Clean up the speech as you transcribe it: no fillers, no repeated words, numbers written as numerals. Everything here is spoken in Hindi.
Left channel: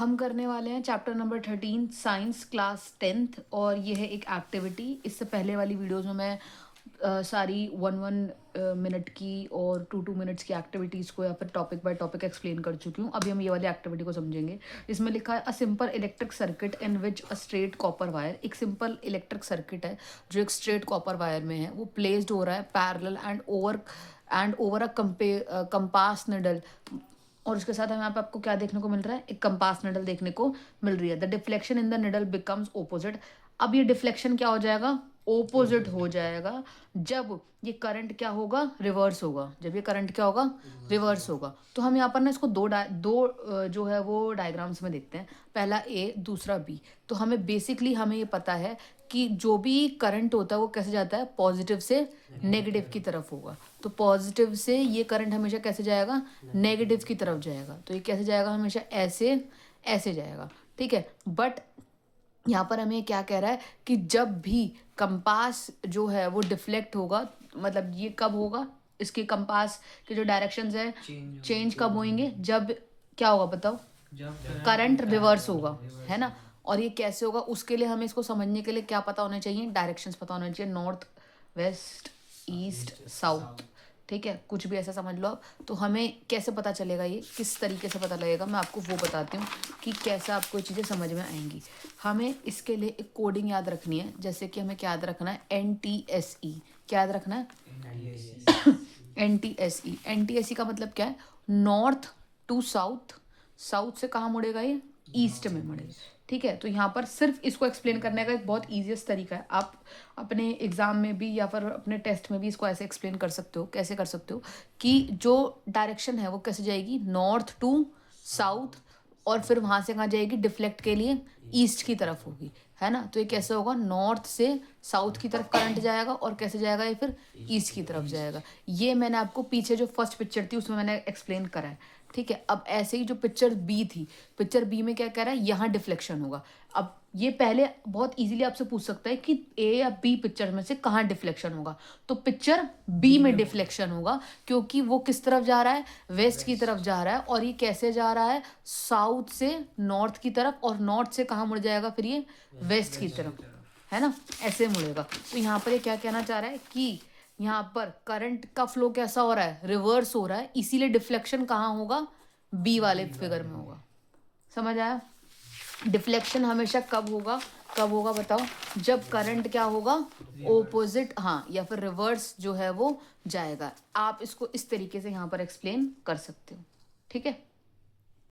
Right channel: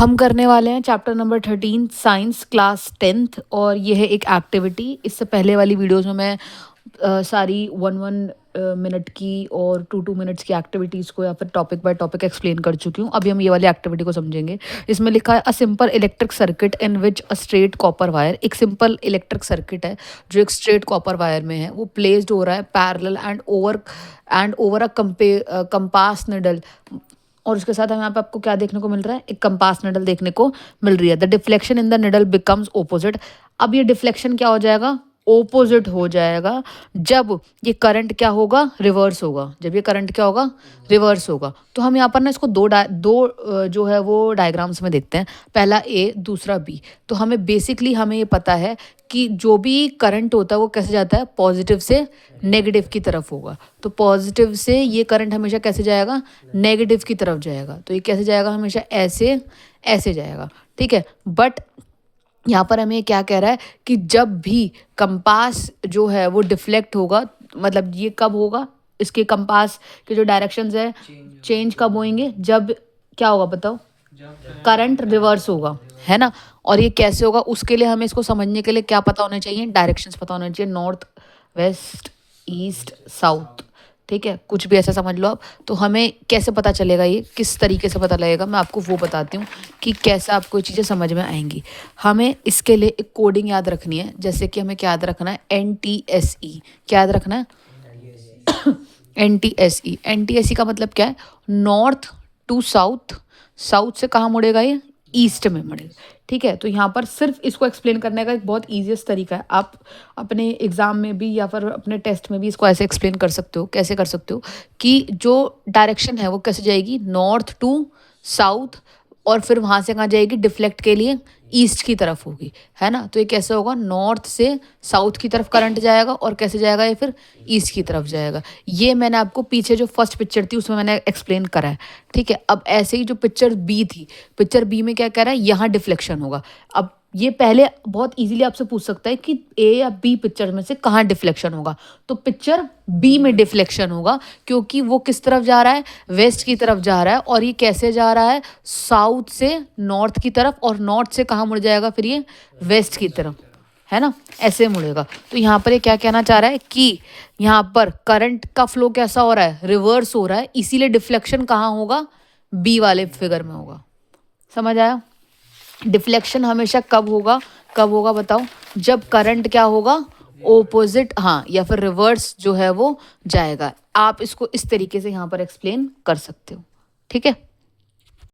हम करने वाले हैं chapter number 13 science class 10th और ये है एक एक्टिविटी। इससे पहले वाली वीडियोस में मैं सारी 1-1 मिनट की और 2-2 मिनट्स की एक्टिविटीज़ को या फिर टॉपिक बाय टॉपिक एक्सप्लेन कर चुकी हूँ। अभी हम ये वाली एक्टिविटी को समझेंगे। इसमें लिखा है a simple electric circuit in which a straight copper wire. एक सिंपल इलेक्ट्रिक सर्किट है जो एक स्ट्रेट कॉपर वायर में है, वो प्लेस्ड हो रहा है parallel and over a compass needle. और उसके साथ हमें यहाँ पे आपको क्या देखने को मिल रहा है, एक कंपास निडल देखने को मिल रही है। The deflection in the needle becomes opposite. अब ये डिफ्लेक्शन क्या हो जाएगा, ओपोजिट हो जाएगा जब ये करंट क्या होगा, रिवर्स होगा। जब ये करंट क्या होगा, रिवर्स होगा। तो हम यहाँ पर ना इसको जो है वो डायग्राम्स में देखते हैं, पहला ए दूसरा बी। तो हमें ये पता है कि जो भी करंट होता है वो कैसे जाता है, पॉजिटिव से नेगेटिव की तरफ होगा। तो पॉजिटिव से ये करंट हमेशा कैसे जाएगा, नेगेटिव की तरफ जाएगा। तो ये कैसे जाएगा, हमेशा ऐसे ऐसे जाएगा, ठीक है। बट यहाँ पर हमें क्या कह रहा है कि जब भी कंपास जो है वो डिफ्लेक्ट होगा, मतलब ये कब होगा, इसके कंपास के जो डायरेक्शंस है चेंज कब होंगे, जब क्या होगा बताओ, करंट रिवर्स होगा, है ना। और ये कैसे होगा, उसके लिए हमें इसको समझने के लिए क्या पता होना चाहिए, डायरेक्शंस पता होना चाहिए, नॉर्थ वेस्ट ईस्ट साउथ, ठीक है। कुछ भी ऐसा समझ लो आप। तो हमें कैसे पता चलेगा, ये किस तरीके से पता लगेगा, मैं आपको वो बताती हूँ कि कैसे आपको ये चीज़ें समझ में आएंगी। हमें इसके लिए एक कोडिंग याद रखनी है, जैसे कि हमें क्या याद रखना है, NTSE। क्या याद रखना है, NTSE। NTSE का मतलब क्या है, नॉर्थ टू साउथ। साउथ से कहाँ मुड़ेगा, ये ईस्ट में मुड़ेगा, ठीक है। तो यहाँ पर सिर्फ इसको एक्सप्लेन करने का एक बहुत ईजीएस्ट तरीका है। आप अपने एग्जाम में भी या फिर अपने टेस्ट में भी इसको ऐसे एक्सप्लेन कर सकते हो। कैसे कर सकते हो कि जो डायरेक्शन है वो कैसे जाएगी, नॉर्थ टू साउथ, और फिर वहाँ से कहाँ जाएगी, डिफ्लेक्ट के लिए ईस्ट की तरफ होगी, है ना। तो ये कैसे होगा, नॉर्थ से साउथ की तरफ करंट जाएगा और कैसे जाएगा, ये फिर ईस्ट की तरफ जाएगा। ये मैंने आपको पीछे जो फर्स्ट पिक्चर थी उसमें मैंने एक्सप्लेन करा है, ठीक है। अब ऐसे ही जो पिक्चर बी थी, पिक्चर बी में क्या कह रहा है, यहाँ डिफ्लेक्शन होगा। अब ये पहले बहुत इजीली आपसे पूछ सकता है कि ए या बी पिक्चर में से कहाँ डिफ्लेक्शन होगा। तो पिक्चर बी में डिफ्लेक्शन होगा, क्योंकि वो किस तरफ जा रहा है, वेस्ट की तरफ जा रहा है। और ये कैसे जा रहा है, साउथ से नॉर्थ की तरफ, और नॉर्थ से कहाँ मुड़ जाएगा फिर, ये वेस्ट की तरफ, है ना, ऐसे मुड़ेगा। तो यहाँ पर ये क्या कहना चाह रहा है कि यहाँ पर करंट का फ्लो कैसा हो रहा है, रिवर्स हो रहा है, इसीलिए डिफ्लेक्शन कहाँ होगा, बी वाले फिगर में होगा। समझ आया। डिफ्लेक्शन हमेशा कब होगा बताओ, जब करंट क्या होगा, ओपोजिट, हाँ, या फिर रिवर्स जो है वो जाएगा। आप इसको इस तरीके से यहाँ पर एक्सप्लेन कर सकते हो, ठीक है।